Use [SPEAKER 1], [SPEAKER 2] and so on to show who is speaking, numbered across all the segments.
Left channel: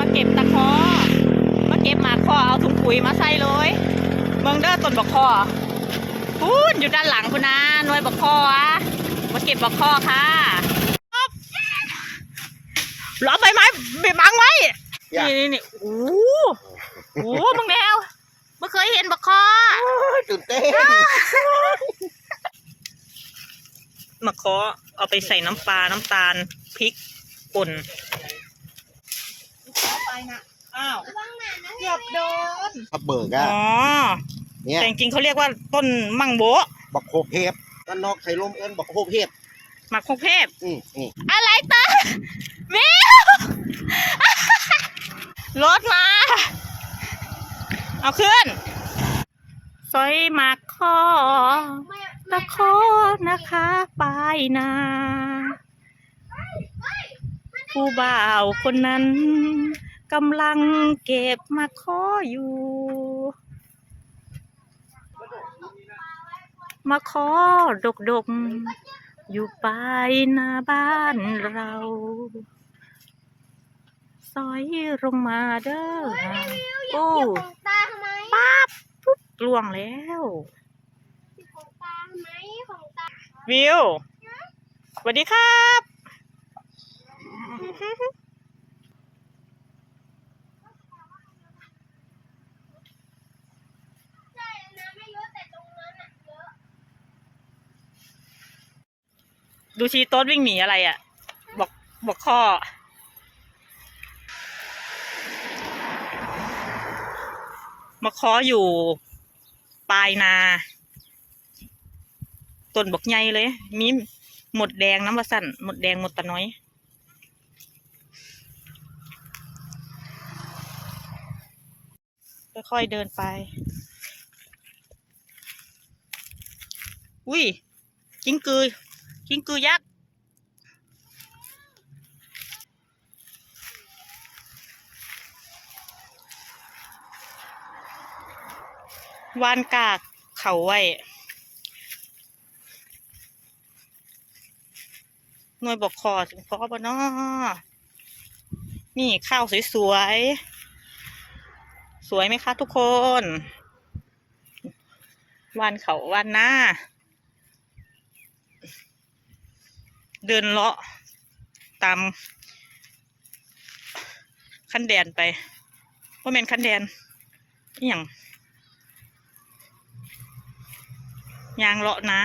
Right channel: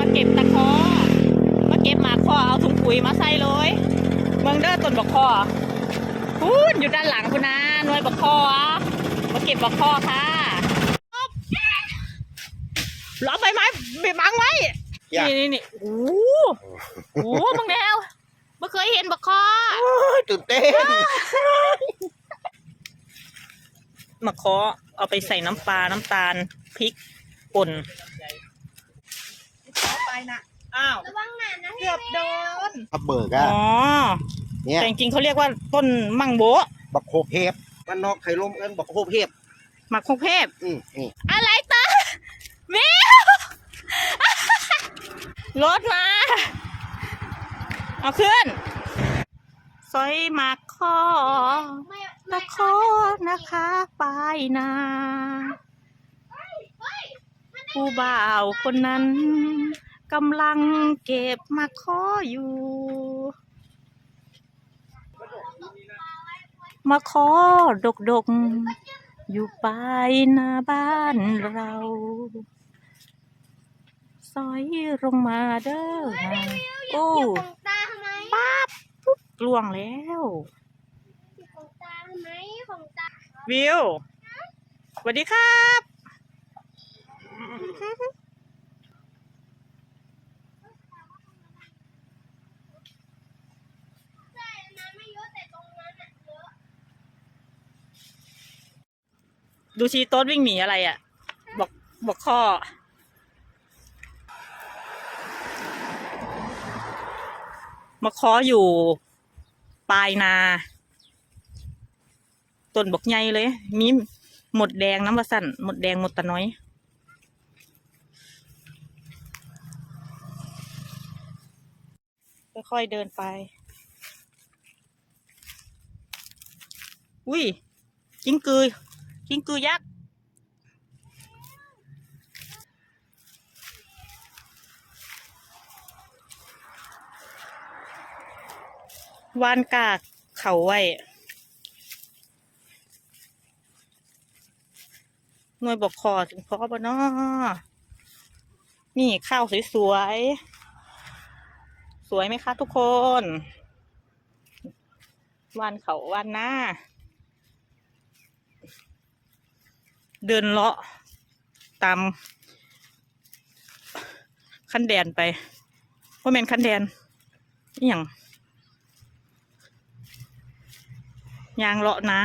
[SPEAKER 1] มาเก็บตะคอมาเก็บหมากคอเอาถุงปุ๋ยมาใส่เลยเมืองเด้อต้นบักคอพูนอยู่ด้านหลังคุณนะหน่วยบักคออะมาเก็บบักคอค่ะล้อมใบไม้ใบบังไว้
[SPEAKER 2] อย่า
[SPEAKER 1] นี่นี่นี่โอ้โหโอ้โหมึงแนวไม่เคยเห็นบักคอ
[SPEAKER 2] ตื่นเต้น
[SPEAKER 1] มะเคาะเอาไปใส่น้ำปลา น้ำตาล พริกป่น
[SPEAKER 3] ไปนะ
[SPEAKER 1] อ้าว
[SPEAKER 3] ระวังหนานะ
[SPEAKER 1] เกือบโดน
[SPEAKER 2] ขับเบิก
[SPEAKER 1] อ๋
[SPEAKER 2] อะ
[SPEAKER 1] อ
[SPEAKER 2] เนี่ย
[SPEAKER 1] แต่จริงๆเขาเรียกว่าต้นมังโบะ
[SPEAKER 2] บักโคเพบบ้านนอกไข่ลมเอิ้นบักโคเพบ
[SPEAKER 1] หมักคุกเทพ
[SPEAKER 2] อืมนี่
[SPEAKER 1] อะไรตาวิวรถมา เอาขึ้นซอยหมักคอ
[SPEAKER 3] ไม่
[SPEAKER 1] ตะโคนะคะปลายนาผู้บ่าวคนนั้น กำลังเก็บมาขออยู่ มาขอดกดกอยู่ปลายนาบ้านเราซอยลงมาเด้อโอ้
[SPEAKER 3] เหยียบของตาทำไม
[SPEAKER 1] ปั๊บปุ๊บล่วงแล้ว
[SPEAKER 3] เหยียบของตาทำไมของตา
[SPEAKER 1] วิวสวัสดีครับ
[SPEAKER 3] ใช่นะไม่เยอะแต่ตรงนั้นอะเยอะ
[SPEAKER 1] ดูชีโต๊ดวิ่งหนีอะไรอะ่ะ บอกบอกข้อ มาขออยู่ ปลายนา ต้นบอกใหญ่เลย มีหมดแดงน้ำวาสั่นหมดแดงหมดตะน้อยค่อยๆเดินไป อุ้ยกิ้งกือ กิงกือยักษ์วานกากเขาไว้หน่วยบอกคอถึงพอปะเนาะนี่ข้าวสวยๆ สวยไหมคะทุกคน วานเขาวานหน้า เดินเลาะตามคันแดนไปว่าะเมนคันแดนอหย่างยางเลาะนะ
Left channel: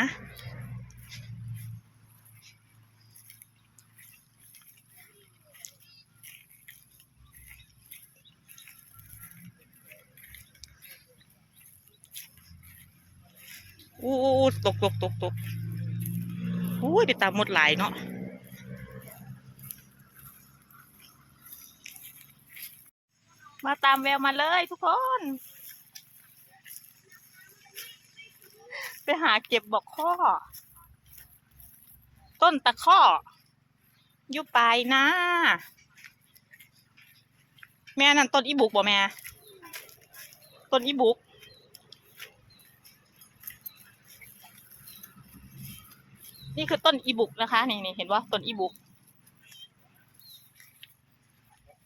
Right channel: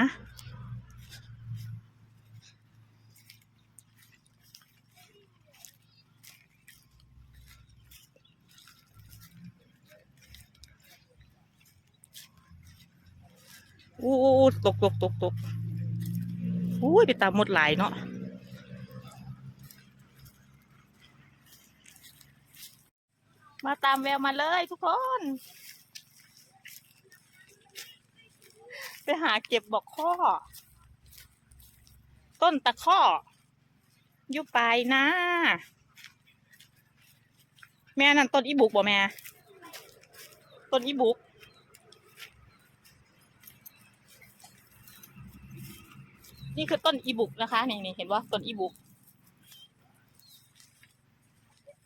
[SPEAKER 1] อู้อู้อู้ตกตกตกตก อุ้ยไปตามหมดหลายเนาะมาตามแววมาเลยทุกคน ไปหาเก็บบอกข้อ ต้นตะข้ออยู่ปลายนะ แม่นั่นต้นอีบุกบ่แม่ ต้นอีบุก นี่คือต้นอีบุกนะคะนี่นี่เห็นว่าต้นอีบุก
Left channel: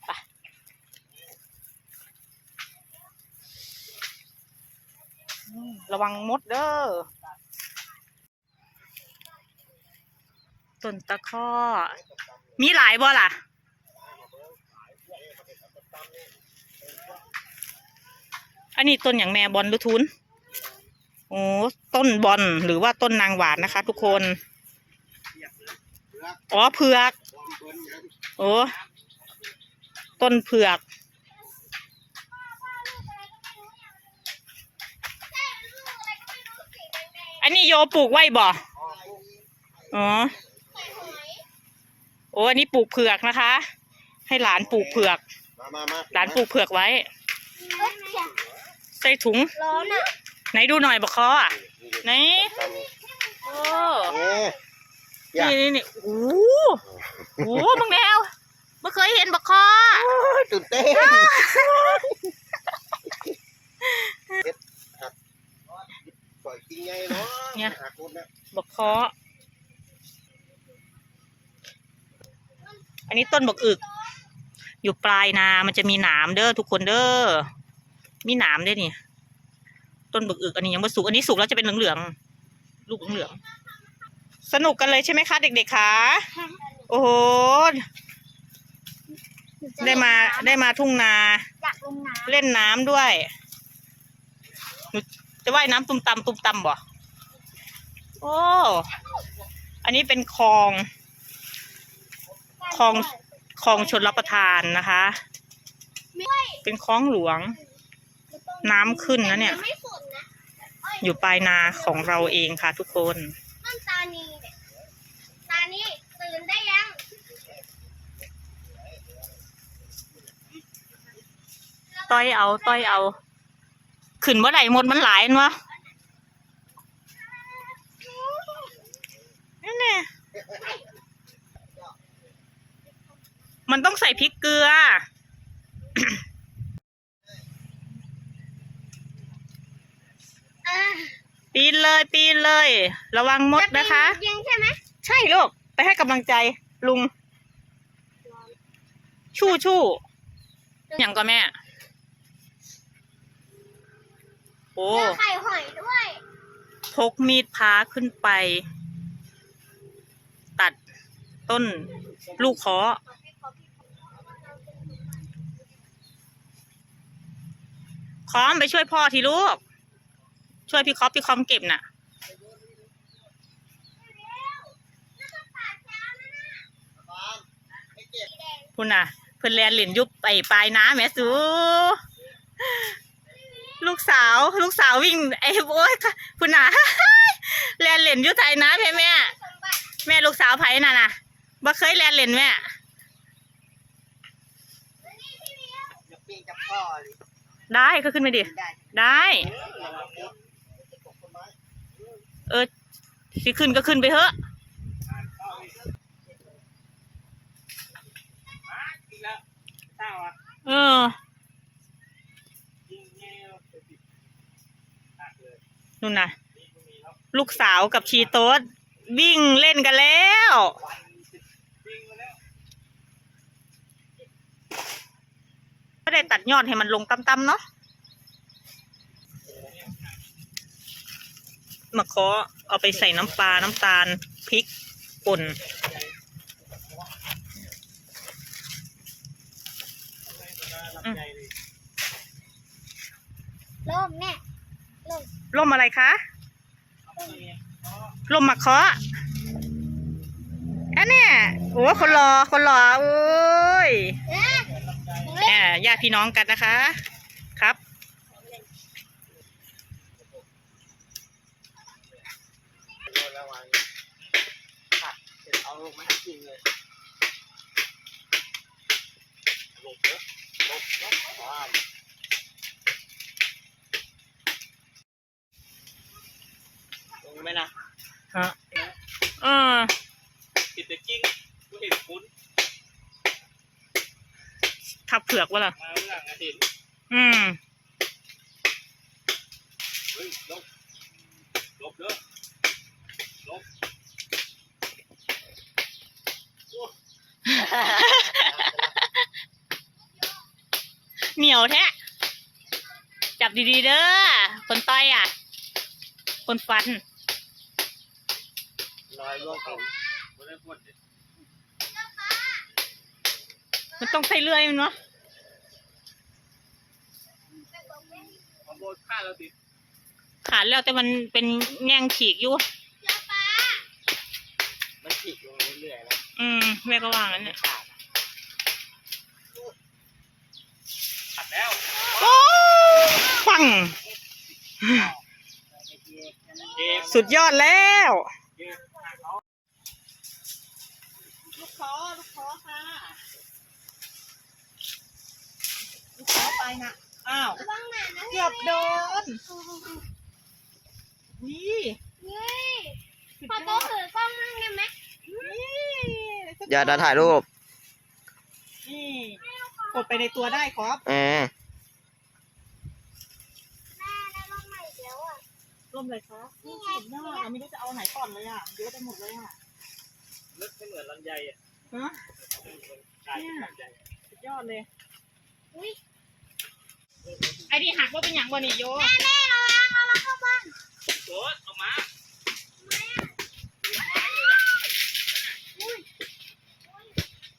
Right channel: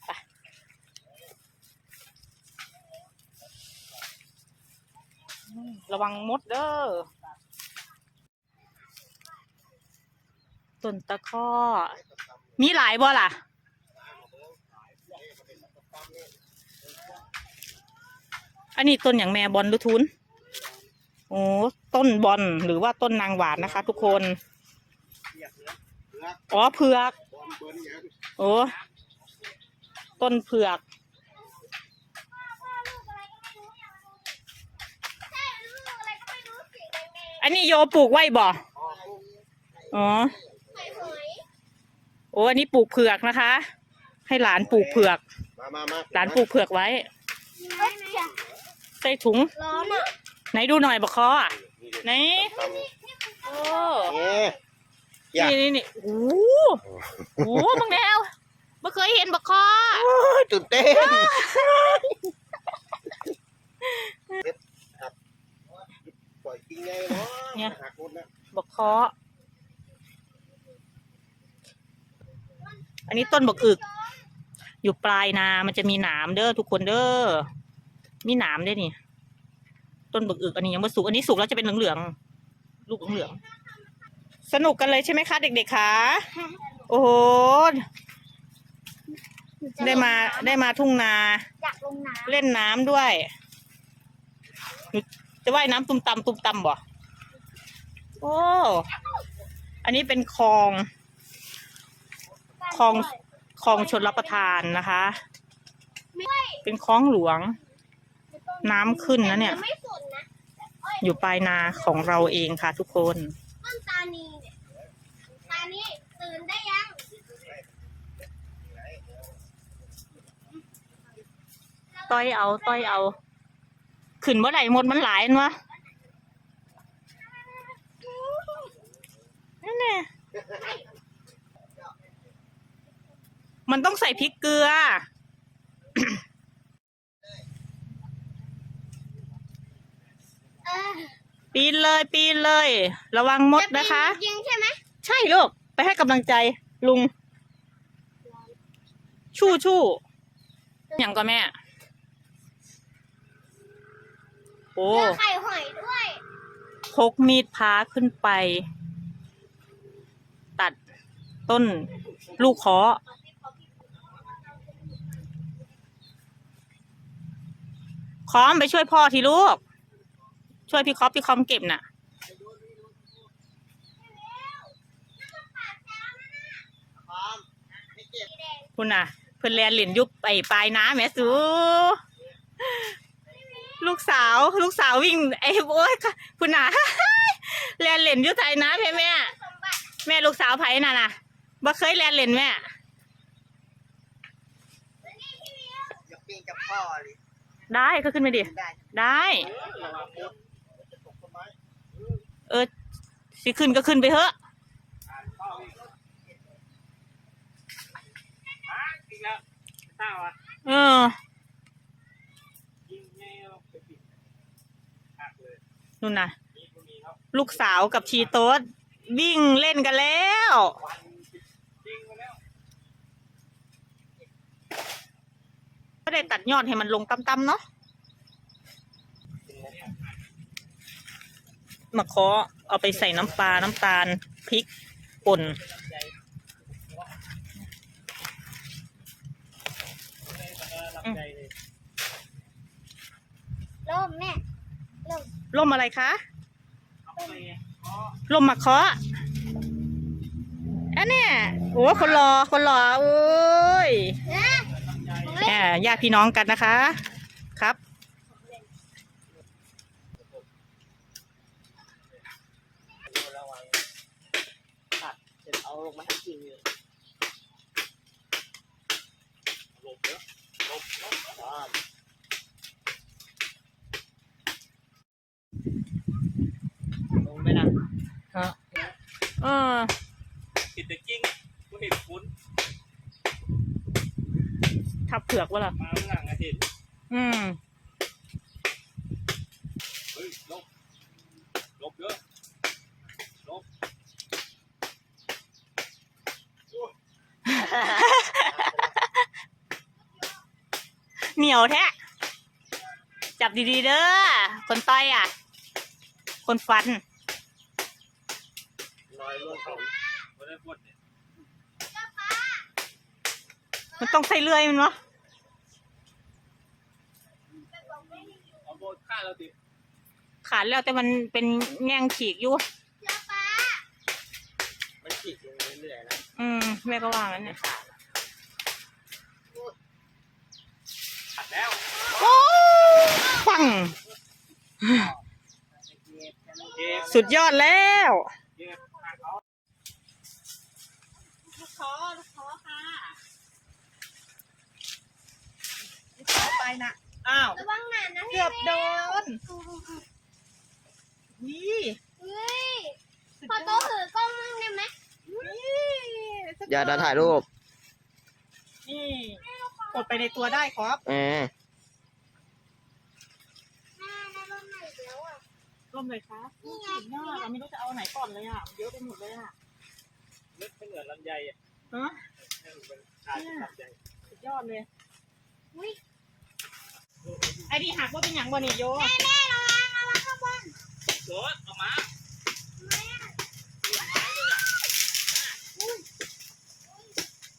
[SPEAKER 1] ไประวังมดเด้อต้นตะข้อ มีหลายบ่ล่ะอันนี้ต้นอย่างแม่บอลหรือทุนโอ้ต้นบอลหรือว่าต้นนางหวานนะคะ ทุกคน อ๋อเผือกโอ้ต้นเผือกอันนี้โยปลูกไว้บ่ อ๋อ โอ้อันนี้ปลูกเผือกนะคะ ให้หลานปลูกเผือก
[SPEAKER 2] มามามา
[SPEAKER 1] หลานปลูกเผือกไว้ ใส่ถุง
[SPEAKER 3] ร้อนอะ
[SPEAKER 1] ไหนดูหน่อยบะคออะไหน โอ้
[SPEAKER 2] เอ๊ะอ ย่า
[SPEAKER 1] นี่นี่นี่โอ้โหโอ้โหมึงแนวไม่เคยเห็นบะคอ
[SPEAKER 2] ตื่นเต้นปล่อยกินไงเนาะ
[SPEAKER 1] เนี่ย
[SPEAKER 2] หักหมดนะ
[SPEAKER 1] บกเคาะอันนี้ต้นบกอึกอยู่อยู่ปลายนา มันจะมีหนามเด้อทุกคนเด้อ มีหนามด้วยนี่ ต้นบึกอึกอันนี้ยังไม่สุก อันนี้สุกแล้วจะเป็นเหลืองๆ ลูกเหลืองๆ สนุกกันเลยใช่ไหมคะ เด็กๆคะโอ้โหได้มาได้มาทุ่งนา
[SPEAKER 3] อยากลงน้
[SPEAKER 1] เล่นน้ำด้วยหนูจะว่ายน้ำตุ้มตำตุ้มตำบ่โอ้อันนี้เป็นคลองำคลองคลองชนรับประทานนะคะ เป็นคลองหลวง น้ำขึ้นนะเนี่ย
[SPEAKER 3] ไม่สุดนะเอ้ย
[SPEAKER 1] อยู่ปลายนาของเราเองค่ะทุกคน
[SPEAKER 3] ต้ นตานีเนี่ยตานีตื่นได้ยัง
[SPEAKER 1] ต้อยเอา ต้อยเอา ขึ้นเมื่อไหร่หมดมันหลายอันวะนั่นแหละมันต้องใส่พริกเกลือ
[SPEAKER 3] เออ
[SPEAKER 1] ปีนเลยปีนเลย ระวังมดนะคะ
[SPEAKER 3] จยิงใช่ไหม
[SPEAKER 1] ใช่ลูกไปให้กำลังใจลุง ชู่ชู่อย่างก็แม่ โอ้
[SPEAKER 3] เจอไข่หอยด้วย
[SPEAKER 1] พกมีดพาขึ้นไป ตัดต้นลูกเคาะคอมไปช่วยพ่อทีลูก ช่วยพี่คอปพี่คอมเก็บน่ะ คุณน่ะ เพิ่นแลนเหรียญยุบไปปลายน้ำแม่สูลูกสาว ลูกสาววิ่งไอ้โอ้ยคุณน่ะแลนเหรียญยุบไทยน้ำแม่แม่
[SPEAKER 3] สมบัติ
[SPEAKER 1] แม่ลูกสาวไผน่ะน่ะบ่เคยแลนเหรียญแม่
[SPEAKER 2] อย่าปีนกับพ่อเลย
[SPEAKER 1] ได้ก็ขึ้นไปดิ
[SPEAKER 2] ได้
[SPEAKER 1] ได้
[SPEAKER 2] จะตกต้นไม้
[SPEAKER 1] เออสิขึ้นก็ขึ้นไปเถอะ
[SPEAKER 4] อีกแล้วเต้าอะ
[SPEAKER 1] เออ
[SPEAKER 4] นู่
[SPEAKER 1] นน่ะ ลูกสาวกับชีโต๊ดวิ่งเล่นกันแล้ว
[SPEAKER 4] วันสิบยิงมาแล้ว
[SPEAKER 1] ก็ได้ตัดยอดให้มันลงต่ำๆเนาะ มาเคาะเอาไปใส่น้ำปลา น้ำตาล พริกป่น
[SPEAKER 4] ลำใหญ่เลย
[SPEAKER 3] ล่มแม่ล่ม
[SPEAKER 1] ร่มอะไรคะ
[SPEAKER 4] เอาไปเพราะ
[SPEAKER 1] ร่มมะเคาะอันเนี้ยโอ้คนรอคนรอโอ้ย
[SPEAKER 3] นะของ
[SPEAKER 1] แห
[SPEAKER 3] เล่น
[SPEAKER 1] มญาติพี่น้องกันนะคะ ครับ
[SPEAKER 2] เสร็จเอามาให้กินเลย
[SPEAKER 4] หลบเยอะ
[SPEAKER 2] ลบลบบ้าน
[SPEAKER 4] ลงไหมล่ะ
[SPEAKER 1] ฮะเออ
[SPEAKER 4] ติดแต่จริงกูเห็นคุณ
[SPEAKER 1] ทับเผือกวะล่ะ
[SPEAKER 4] มาเมื่อหลังอาทิตย์
[SPEAKER 1] อืม
[SPEAKER 4] เฮ้ยลบลบเยอะลบ
[SPEAKER 1] เหนียวแท้ จับดีๆเด้อ คนต้อยอะ คนฟัน
[SPEAKER 4] มั
[SPEAKER 1] นต้องใช้เลื่อยมันวะ
[SPEAKER 4] เนาเราติด
[SPEAKER 1] ขาดแล้วแต่มันเป็นแง่งฉีกอยู่
[SPEAKER 3] เจ้าฟ้า
[SPEAKER 2] มันฉีกลงเรื่อยๆนะ
[SPEAKER 1] อืมแม่ก็ว่างั้นเนี่ย
[SPEAKER 4] ตัดแล้ว
[SPEAKER 1] โอ้ฟัง
[SPEAKER 4] เก็บ
[SPEAKER 1] สุดยอดแล้ว
[SPEAKER 4] เก็บหักเขา
[SPEAKER 1] ลูกคอลูกคอค่ะลูกคอไปนะอ้าว
[SPEAKER 3] ระวังหนานะ
[SPEAKER 1] เกือบโดน
[SPEAKER 3] โอ้โห
[SPEAKER 1] วิ
[SPEAKER 3] เฮ้ยพอโตถือกล้องมั่งได้ไหม
[SPEAKER 2] อย่าดาถ่ายรูป
[SPEAKER 1] นี่กดไปในตัวได้ครับ
[SPEAKER 2] เออ
[SPEAKER 3] แม่ได้รถใหม่อีกแล้วอะ
[SPEAKER 1] ร่มเลยครับ
[SPEAKER 3] นี่ไง
[SPEAKER 1] สุดยอดเราไม่รู้จะเอาไหนก่อนเลยอะมันเยอะไปหมดเลยอะ
[SPEAKER 4] นึกไม่เหมือนลำไยอะ
[SPEAKER 1] ฮะ
[SPEAKER 4] ไม่เหมือนชายเป็นลำไย
[SPEAKER 1] สุดดยอดเลย
[SPEAKER 3] อุ้ย
[SPEAKER 1] ไอ้ที่หักว่าเป็นอย่างบ่นี่โย
[SPEAKER 3] แม่แม่เราล้างเอามาเข้าบ้าน
[SPEAKER 4] โอ้เอามา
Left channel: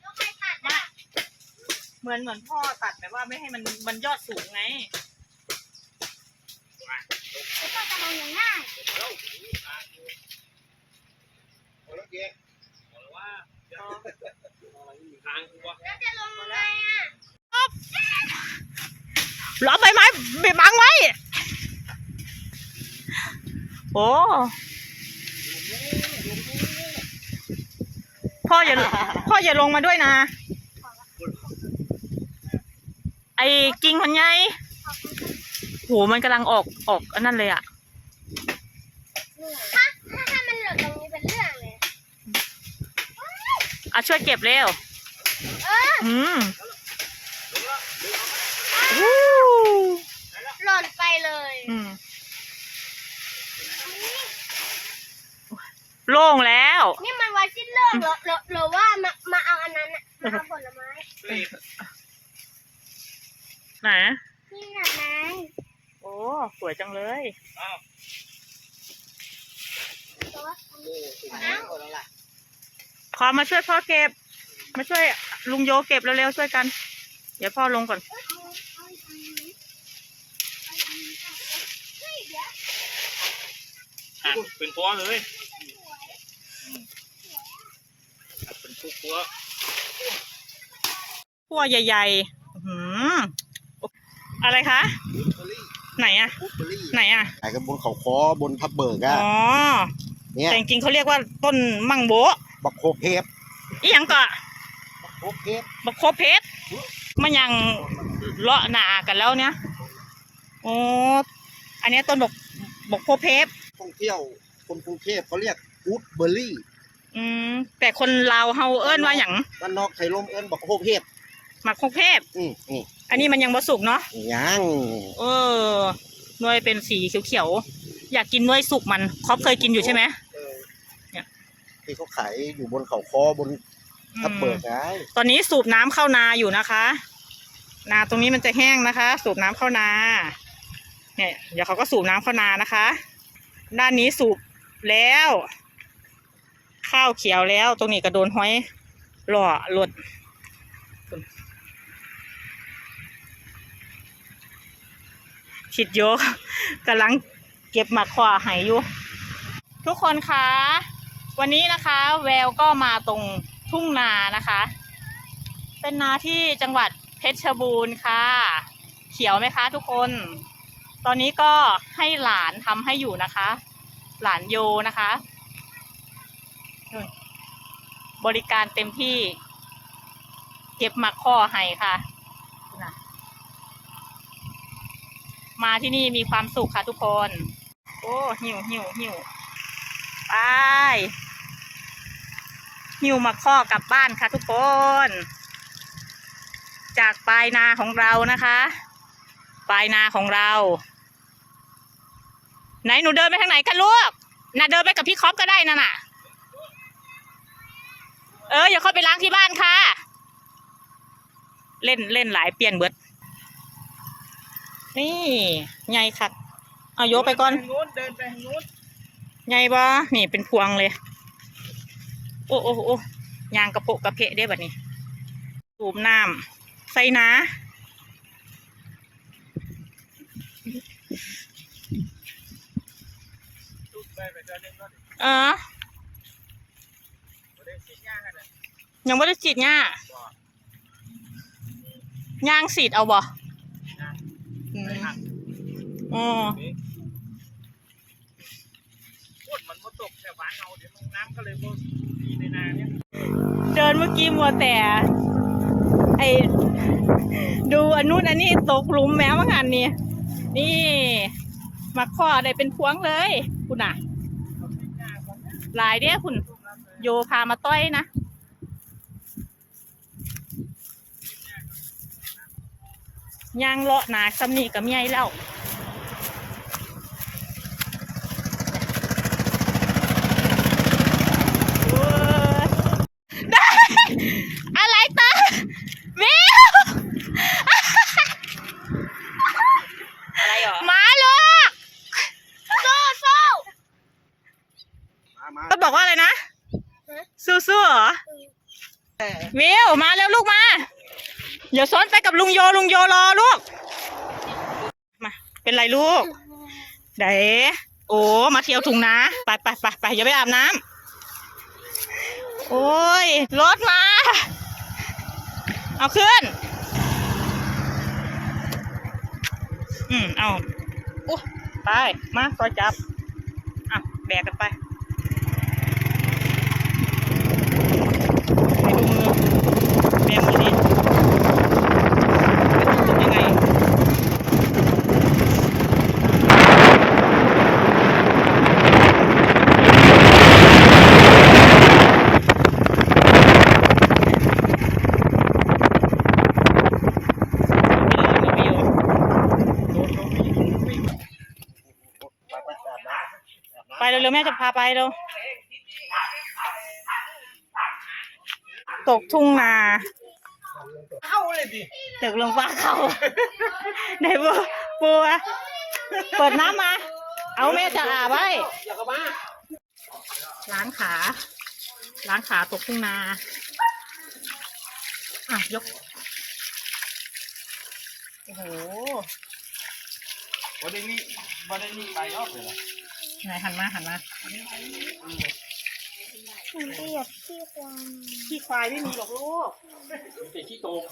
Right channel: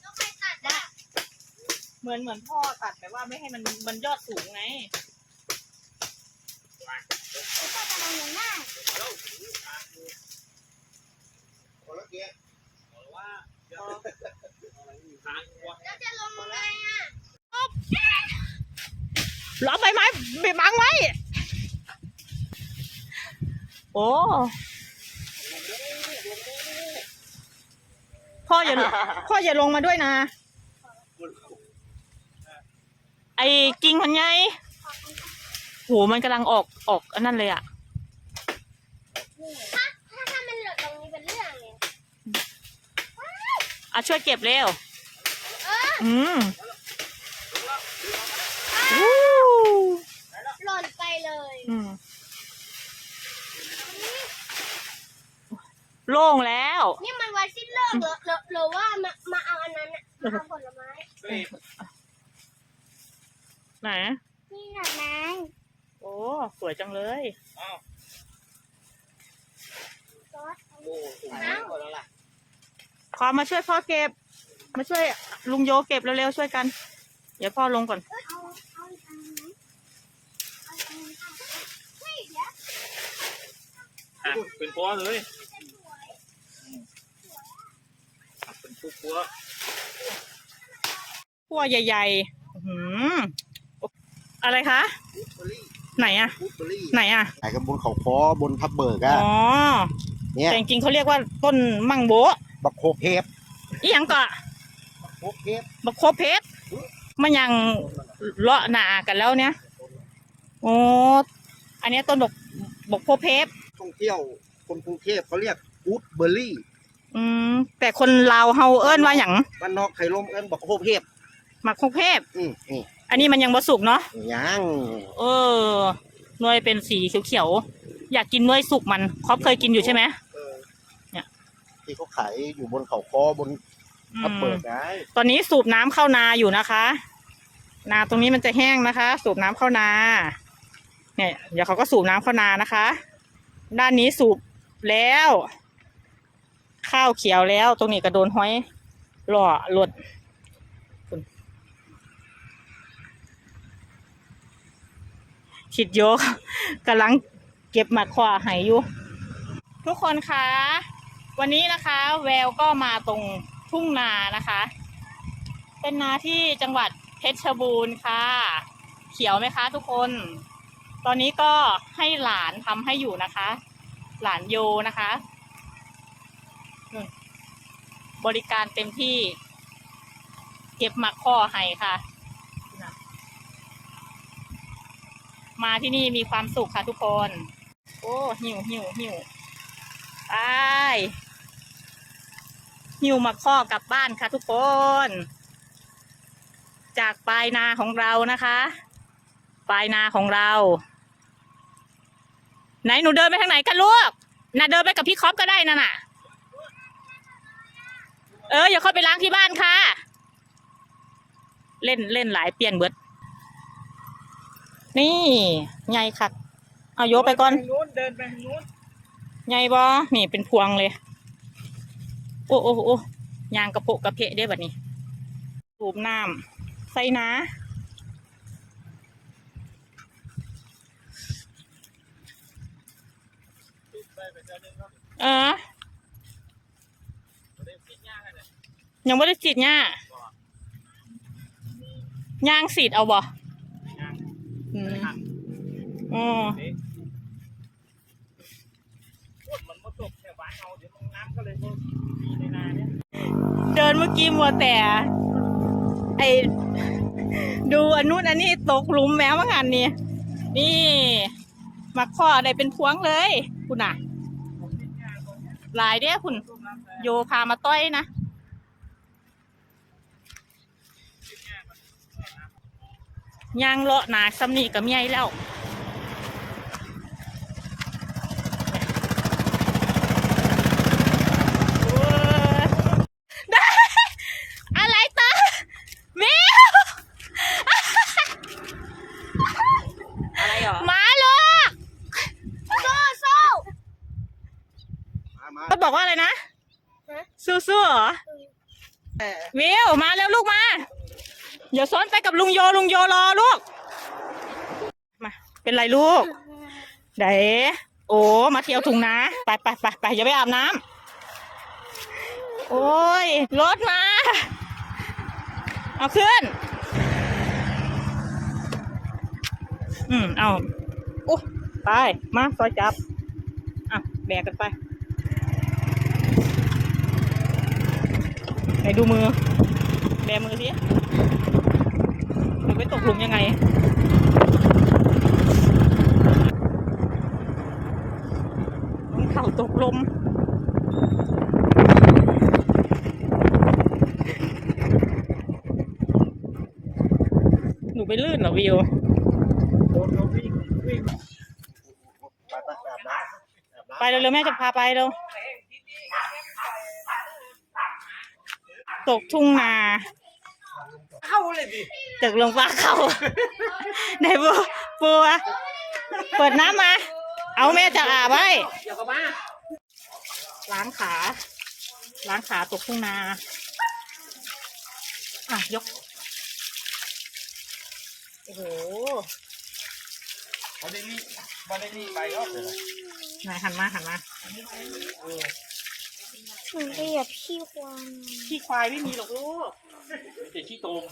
[SPEAKER 3] แล้วใครตัดอะ
[SPEAKER 1] เห มือนเหมือนพ่อตัดแบบว่าไม่ให้มันมันยอดสูงไง
[SPEAKER 3] จะลงง่าย
[SPEAKER 2] โอ้แล้วเก๊
[SPEAKER 4] บอกว่าเดี๋ยวทางกู
[SPEAKER 3] จะลงยังไงอะ
[SPEAKER 1] ล้อมใบไม้ไปบังไว้ โอ้ พ่ออย่า พ่ออย่าลงมาด้วยนะ ไอ้กิ่งมันไงโหมันกำลังออกออกอันนั้นเลยอะ
[SPEAKER 3] ถ้าถ้าถ้ามันหล่นตรงนี้เป็นเรื่องเลย
[SPEAKER 1] อะช่วยเก็บเร็ว
[SPEAKER 3] เออ
[SPEAKER 1] อืมวู้
[SPEAKER 3] หล่นไปเลย
[SPEAKER 1] อืมโล่งแล้ว
[SPEAKER 3] นี่มันไว้สิ้นโลกเหรอหรือหรือว่ามามาเอาอันนั้นน่ะมาเอาผลไม้
[SPEAKER 4] เฮ้ย
[SPEAKER 1] ไหน
[SPEAKER 3] นี่หน่อยไหม
[SPEAKER 1] โอ้สวยจังเลย
[SPEAKER 4] อ้าว
[SPEAKER 3] ซอส
[SPEAKER 2] โอ้สูงแล้วหมดแล้วล่ะ
[SPEAKER 1] ขอมาช่วยพ่อเก็บ มาช่วยลุงโยเก็บเร็วๆช่วยกัน เดี๋ยวพ่อลงก่อน
[SPEAKER 3] เอาเอาอีกอันไหมเอาอีกอันไหมเฮ้ยเดี๋ยว
[SPEAKER 4] อะเป็นตัวเลยอืมเป็นปุ๊กตัว
[SPEAKER 1] พั่วใหญ่ๆอื้อหือ อะไรคะ
[SPEAKER 2] บูเบอรี่
[SPEAKER 1] ไหนอะ
[SPEAKER 2] บูเบอรี่
[SPEAKER 1] ไหนอะ
[SPEAKER 2] ขายกันบนเขาคอบนพับเบิกอะ
[SPEAKER 1] อ๋อ
[SPEAKER 2] เนี่ย
[SPEAKER 1] แต่จริงๆเขาเรียกว่าต้นมังโบะ
[SPEAKER 2] บักโคเพฟ
[SPEAKER 1] อีหยังก็
[SPEAKER 2] บักโคเพฟ
[SPEAKER 1] บักโคเพชรมันยังเลาะหนากันแล้วเนี่ยโอ้อันเนี้ยต้นบักบักโคเพชร
[SPEAKER 2] ท่องเที่ยวคนกรุงเทพเขาเรียกบูเบอรี่
[SPEAKER 1] อืมแต่คนลาวเฮาเอิ้นว่าหยัง
[SPEAKER 2] บ้านนอกไข่ลมเอิ้นบักโคเพฟ
[SPEAKER 1] มักโคเพชร
[SPEAKER 2] อืมนี่
[SPEAKER 1] อันนี้มันยังบ่สุกเนาะ
[SPEAKER 2] ยัง
[SPEAKER 1] เออหน่วยเป็นสีเขียวๆอยากกินหน่วยสุกมันครอบเคยกินอยู่ใช่ไหม
[SPEAKER 2] เออ
[SPEAKER 1] เนี่ย
[SPEAKER 2] ที่เขาขายอยู่บนเขาคอบนพับเบิกได้
[SPEAKER 1] ตอนนี้สูบน้ำเข้านาอยู่นะคะ นาตรงนี้มันจะแห้งนะคะ สูบน้ำเข้านา เนี่ย เดี๋ยวเขาก็สูบน้ำเข้านานะคะ ด้านนี้สูบแล้ว ข้าวเขียวแล้ว ตรงนี้ก็โดนห้อยหล่อหลด ฉิดโยกกำลังเก็บมาขวาหายอยู่ ทุกคนคะวันนี้นะคะ แววก็มาตรงทุ่งนานะคะ เป็นนาที่จังหวัดเพชรบูรณ์ค่ะ เขียวไหมคะ ทุกคน ตอนนี้ก็ให้หลานทำให้อยู่นะคะ หลานโยนะคะบริการเต็มที่ เก็บหมักข้อให้ค่ะ มาที่นี่มีความสุขค่ะทุกคน โอ้หิวหิวหิวไปหิวมาข้อกลับบ้านค่ะทุกคน จากปลายนาของเรานะคะ ปลายนาของเรา ไหนหนูเดินไปทางไหนกันลูกน่ะเดินไปกับพี่คอปก็ได้นั่นน่ะ เอออย่าเข้าไปล้างที่บ้านค่ะ เล่นเล่นหลายเปลี่ยนเบิด นี่ไงค่ะเอาโยกไปก่อน
[SPEAKER 4] เดิทางนู้นเดินไปทางนู้น
[SPEAKER 1] ไงบ่นี่เป็นพวงเลย โอ้โอ้โอ้ยางกระโปะกระเพะได้แบบนี้สูบน้ำใส่นะ
[SPEAKER 4] จุดไปไปเดินหนึงก็
[SPEAKER 1] เออ
[SPEAKER 4] เดินสีหญ้าให้น่ะ
[SPEAKER 1] ยังไม่ได้ฉีดหญ้าย่างสีดเอาบ่อืม อ๋อ
[SPEAKER 4] มันมาตกแถวบ้านเราเดี๋ยวมันน้ำก็เลยมีในนาเนี่ย
[SPEAKER 1] เดินเมื่อกี้มัวแต่ไอดูอันนู้นอันนี้ตกหลุมแม้ว่างานนี้นี่มาข้อได้เป็นพวงเลย คุณน่ะ
[SPEAKER 4] หญ้าก่อนนะ
[SPEAKER 1] หลายเด้คุณ โยพามาต้อยนะย่างเลาะหนาซ้ำนี่กับเมียแล้ว ก็บอกว่าอะไรนะ
[SPEAKER 3] ฮะ
[SPEAKER 1] สู้ๆเหรอ วิวมาแล้วลูกมา เดี๋ยวซ้อนไปกับลุงโยลุงโยรอลูก มาเป็นไรลูกเด๋โอ้มาเที่ยวถุงนะ ไปไปไปไปอย่าไปอาบน้ำโอ้ยรถมา เอาขึ้น อืมเอาโอ้ไปมาซอยจับอะแบกกันไปไห นดูมือแบมือดิไม่ต้องถุงยังไงไม่ลื่นหรอวิว
[SPEAKER 2] โดนลงวิ่งวิ่งไปไปอาบน้ำอาบน้ำ
[SPEAKER 1] ไปเร็วๆแม่จะพาไปเร็ว ตกทุ่งนา
[SPEAKER 2] เข้าเลยดิ
[SPEAKER 1] ตกลงฟ้าเขาไหนบัวบัวเปิดน้ำมา เอาแม่จะอาบไว้
[SPEAKER 2] อย่ากลับมา
[SPEAKER 1] ล้างขา ล้างขาตกทุ่งนาอะยก โอ้โห
[SPEAKER 2] วันนี้วันนี้ไปรอบเลยนะ
[SPEAKER 1] ไหนหันมาหันมา
[SPEAKER 3] หนูจะเหยียบขี้ควาย
[SPEAKER 1] ขี้ควายไม่มีหรอกลูก
[SPEAKER 4] มีแต่ขี้โตม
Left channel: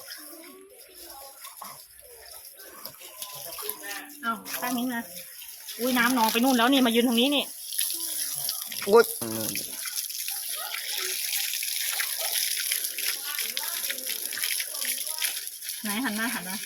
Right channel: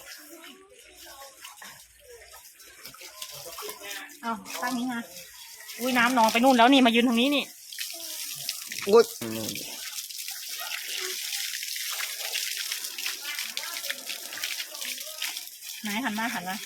[SPEAKER 1] เอาตั้งนี้มาอุ้ยน้ำนองไปนู่นแล้วนี่มายืนตรงนี้นี่
[SPEAKER 2] อุ้ย
[SPEAKER 1] ไหนหันมาหันมา